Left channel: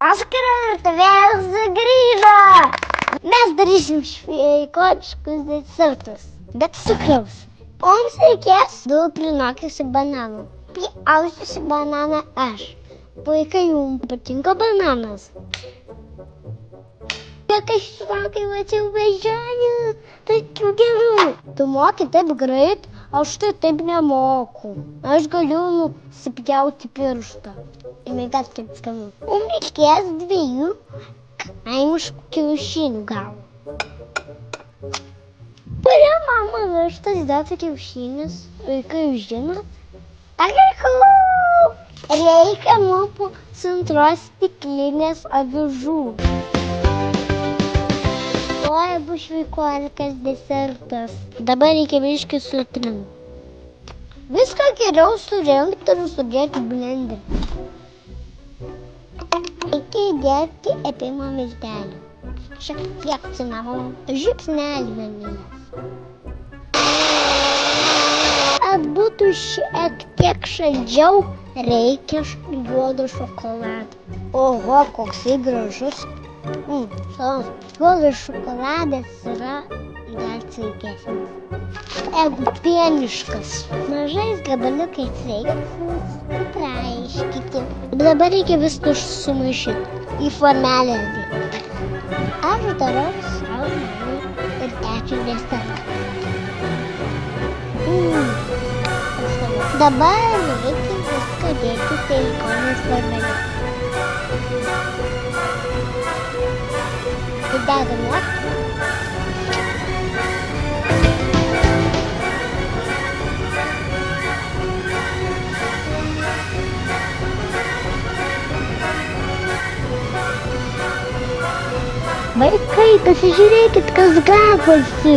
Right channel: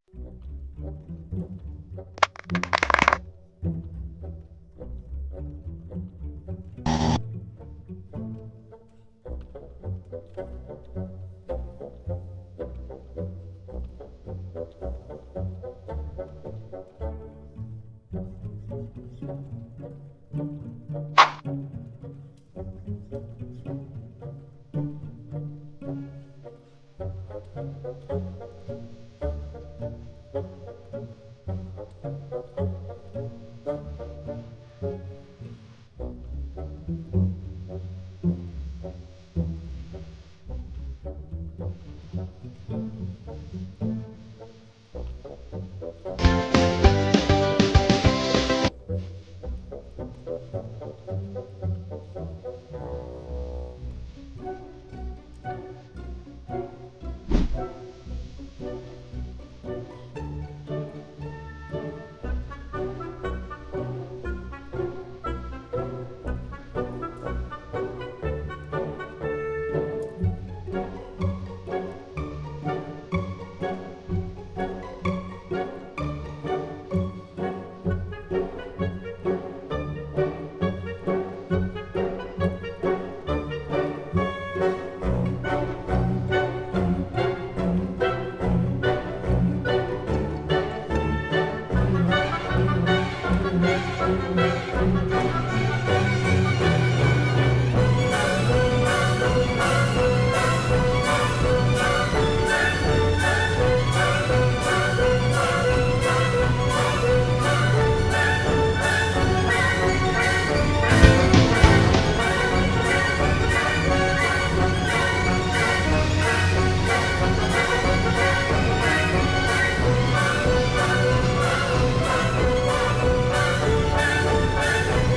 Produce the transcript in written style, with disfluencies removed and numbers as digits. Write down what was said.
Oskar, vėl sugrįžo! Mes darysim šveikočiškus desertus, bet cukraus. Mums reikės 2 prinokusių bananų. Pjaustysiu bananą aš. Vaikai, jums patinka bananas? Bet aš sakai, mačiau beždžionių, tokių gerų. Tu moki taip greit, aš tai taip nemoku. Aš galiu nusipjauti pirštą. Imėgat kaip skanu. Mums reikės 2 kaimiškų kiaušinių gal. Kuria mama vištas dėti kiaušinius? Vaikai žino? Agriku! Reikia mums pusantros stiklinės avižų. Tuoj bus šveikuolikas desertas. Dabar reikia biškį sutrinti. Viską geriau surinkti ir sudėti blenderį. Reikia įdėti epimo miltelį. Šiek tiek cinamono, žiupsnelį vanilės. Kad būtų šiek tiek šaldžiau, reikia juodo šokolado. Oho, koksai gražus. Juodas šokoladas yra dar sveikesnis. Jeigu pieniškas, mažais gabaliukais reikia traiškyti. Dabar reikia viską sumaišyti į formelę. Aš darau savo ir tečio desertą. Dabar reikia viską dėti silikonos formelę. Dedame. Vaikai, pasižiūrėkit, kas gavosi.